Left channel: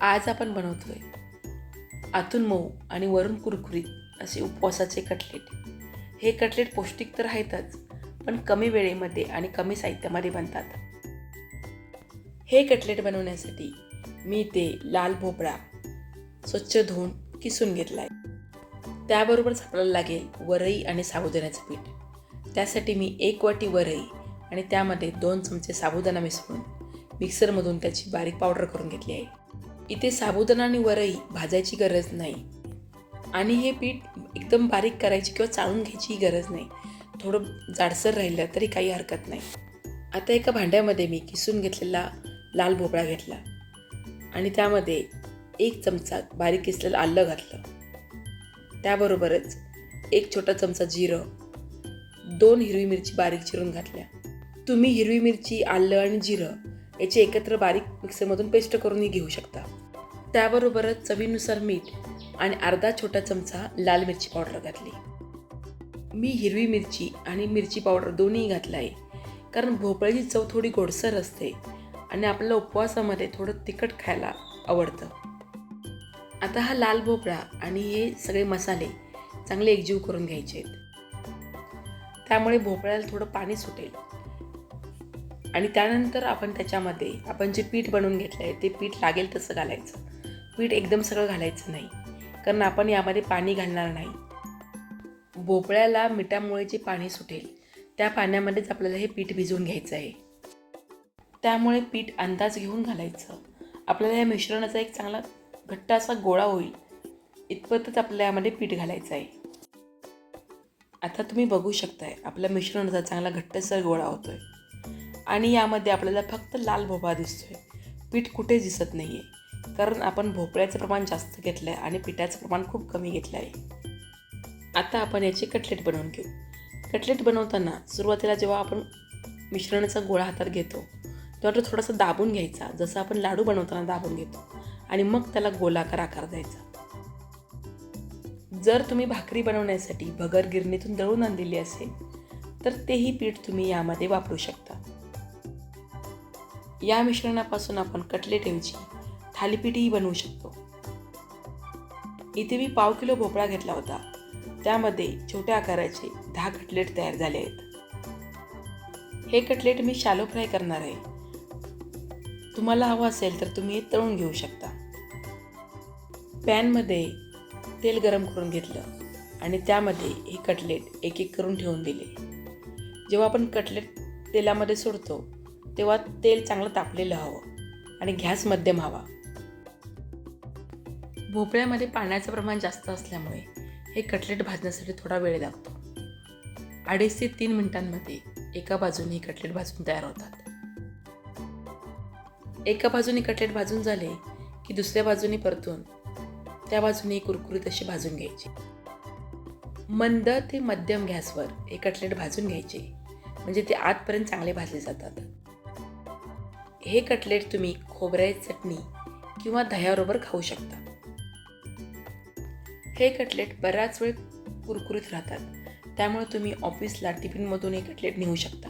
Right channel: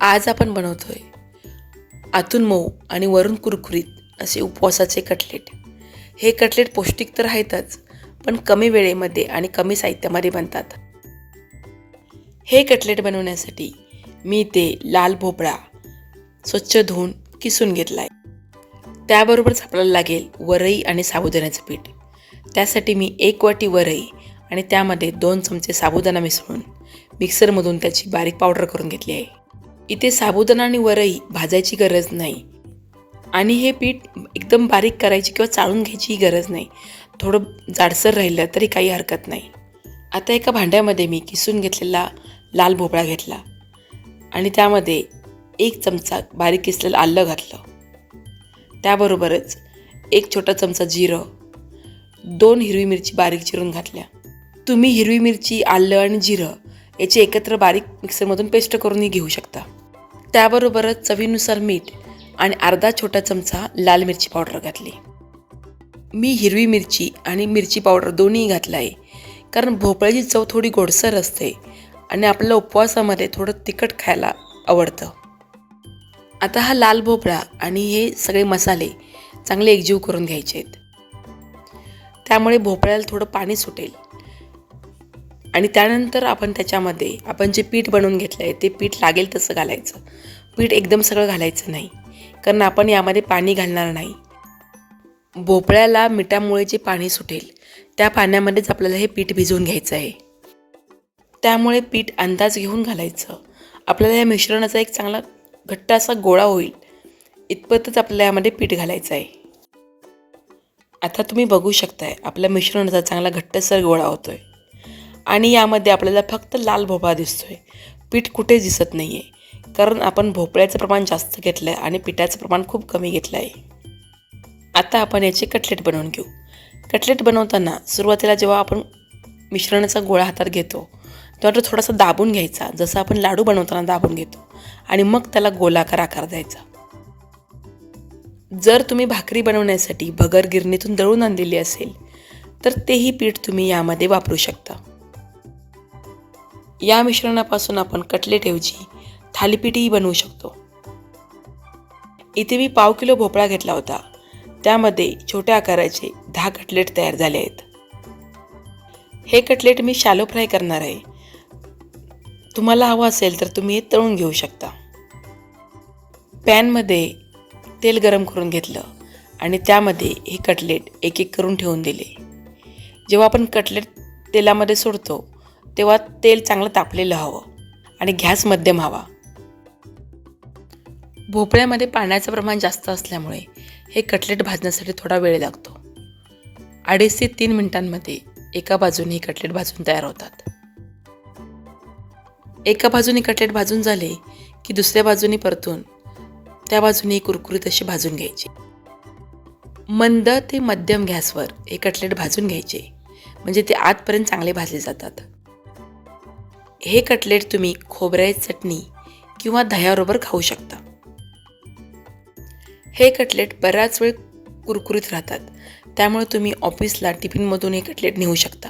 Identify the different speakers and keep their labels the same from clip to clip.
Speaker 1: आज आपण बनवतोय आतून मऊ आणि वरून कुरकुरीत असे उपवासाचे कटलेट. हे कटलेट पौष्टिक तर आहेतच पण कमी वेळेमध्ये आणि कमी साहित्यामध्ये बनतात. हे कटलेट बनवण्यासाठी मी ते लाल भोपळा स्वच्छ धुवून किसून घेतला आहे त्याबरोबरच आपल्याला लागेल वरई आणि साबुदाण्याचं पीठ. त्यासाठी मी एक वाटी वरई आणि त्यामध्ये दोन चमचे साबुदाणा मिसळून मिक्सरमधून त्याची बारीक पावडर करून घेतली आहे. इथे साबुदाणा आणि वरई भाजायची गरज नाही. आणि हे पीठ एकदम बारीक करायची किंवा चाळून घ्यायची गरज नाही. थोडं जाडसर राहिलं तरी काही हरकत नाही. आता एका भांड्यामध्ये मी किसून घेतलेला लाल भोपळा घेतला. आणि त्यामध्ये एक चमचा बारीक किसलेलं आलं घातलं. त्याबरोबरच एक छोटा चमचा जिरं दोन हिरवी मिरची बारीक चिरून घातल्या. तुम्ही हिरवी मिरची आलं आणि जिरं याची एकत्र बारीक मिक्सरमधून पेस्ट करूनही घेऊ शकता. त्याबरोबरच चवीनुसार मीठ आणि अर्धा छोटा चमचा लाल मिरची पावडर घातली. मी हिरवी मिरची आणि मिरची पावडर दोन्ही घातलं आहे कारण भोपळ्याची चव थोडी गोडसर असते आणि आपल्याला उपवासामध्ये थोडं तिखट खायला आवडतं. आता हा लाल भोपळा आणि हे सगळे मसाले चांगले एकजीव करून घ्यायचे आहेत त्यामुळे भोपळ्याला थोडं पाणी सुटेल. आणि त्यानंतर आपण त्याच्यामध्ये आपण जे पीठ बनवून घेतलं आहे ते पीठ लागेल तसं घालायचं. पीठ एकदम सगळं घालायचं नाही कारण आपण यामध्ये पाणी घालणार नाही. भोपळ्याला मिठामुळे जे पाणी सुटेल त्या पाण्यामध्येच आपल्याला हे पीठ भिजवून घ्यायचं आहे. त्यामुळे पीठ अंदाज घेऊन घालायचं. आपल्याला या मिश्रणाचा एक चांगला घट्ट असा गोळा होईल. इतपतच आपल्याला यामध्ये पीठ घालायचं आहे. आता तुम्ही बघू शकताय आपल्या मिश्रणाचा चांगला घट्टसर गोळा होतोय. आणि यामध्ये आपल्याला फक्त लाल भोपळा दिसतोय. पीठ कुठेच दिसत नाही आहे कारण आपण भोपळ्याचं प्रमाण जास्त घेतलं आहे आणि पिठाचं प्रमाण खूप कमी घेतलं आहे आता आपण याचे कटलेट बनवून घेऊ. कटलेट बनवताना सुरुवातीला जेव्हा आपण मिश्रणाचा गोळा हातात घेतो तेव्हा तो थोडासा दाबून घ्यायचा. जसं आपण लाडू बनवताना दाबून घेतो. आणि मग त्याला गोलाकार आकार द्यायचा. जर तुम्ही भाकरी बनवण्यासाठी भगर गिरणीतून दळून आणलेली असेल तर तेही पीठ तुम्ही यामध्ये वापरू शकता. या मिश्रणापासून आपण कटलेटऐवजी थालीपीठही बनवू शकतो. इथे मी पाव किलो भोपळा घेतला होता. त्यामध्ये छोट्या आकाराचे दहा कटलेट तयार झाले आहेत. हे कटलेट मी शालो फ्राय करणार आहे. तुम्हाला हवं असेल तर तुम्ही हे तळून घेऊ शकता. पॅनमध्ये तेल गरम करून घेतलं आणि त्यामध्ये हे कटलेट एक एक करून ठेवून दिले. जेव्हा आपण कटलेट तेलामध्ये सोडतो तेव्हा तेल चांगलं तापलेलं हवं आणि गॅस मध्यम हवा. भोपळ्यामध्ये पाण्याचं प्रमाण जास्त असल्यामुळे हे कटलेट भाजण्यासाठी थोडा वेळ लागतो. अडीच ते तीन मिनिटांमध्ये एका बाजूने हे कटलेट भाजून तयार होतात. एका बाजूने कटलेट भाजून झाले की दुसऱ्या बाजूने परतून त्या बाजूने कुरकुरीत अशी भाजून घ्यायची. मंद ते मध्यम गॅसवर हे कटलेट भाजून घ्यायचे. म्हणजे ते आतपर्यंत चांगले भाजले जातात. हे कटलेट तुम्ही खोबऱ्याची चटणी किंवा दह्याबरोबर खाऊ शकता. हे कटलेट बराच वेळ कुरकुरीत राहतात. त्यामुळे तुम्ही ऑफिसला टिफिनमधून हे कटलेट नेऊ शकता.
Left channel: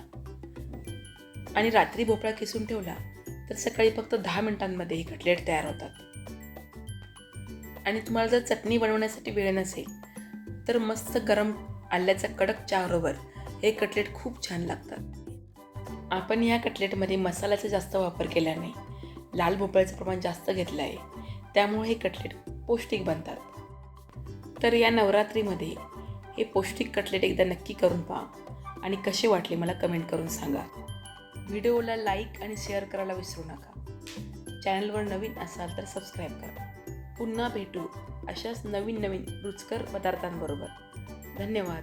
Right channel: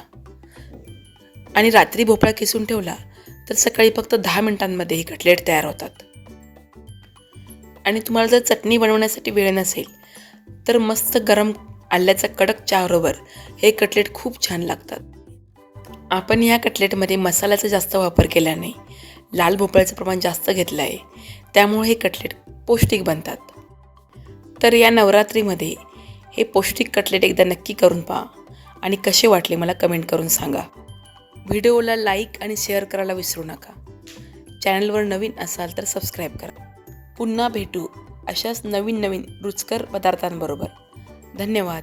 Speaker 1: आणि रात्री भोपळा किसून ठेवला तर सकाळी फक्त दहा मिनिटांमध्ये हे कटलेट तयार होतात. आणि तुम्हाला जर चटणी बनवण्यासाठी वेळ नसेल तर मस्त गरम आल्याचा कडक चहाबरोबर हे कटलेट खूप छान लागतात. आपण या कटलेटमध्ये मसाल्याचा जास्त वापर केला नाही लाल भोपळ्याचं प्रमाण जास्त घेतलं आहे. त्यामुळे हे कटलेट पौष्टिक बनतात. तर या नवरात्रीमध्ये हे पौष्टिक कटलेट एकदा नक्की करून पहा आणि कसे वाटले मला कमेंट करून सांगा. व्हिडिओला लाईक आणि शेअर करायला विसरू नका. चॅनलवर नवीन असाल तर सबस्क्राईब करा. पुन्हा भेटू अशाच नवीन नवीन रुचकर पदार्थांबरोबर. धन्यवाद.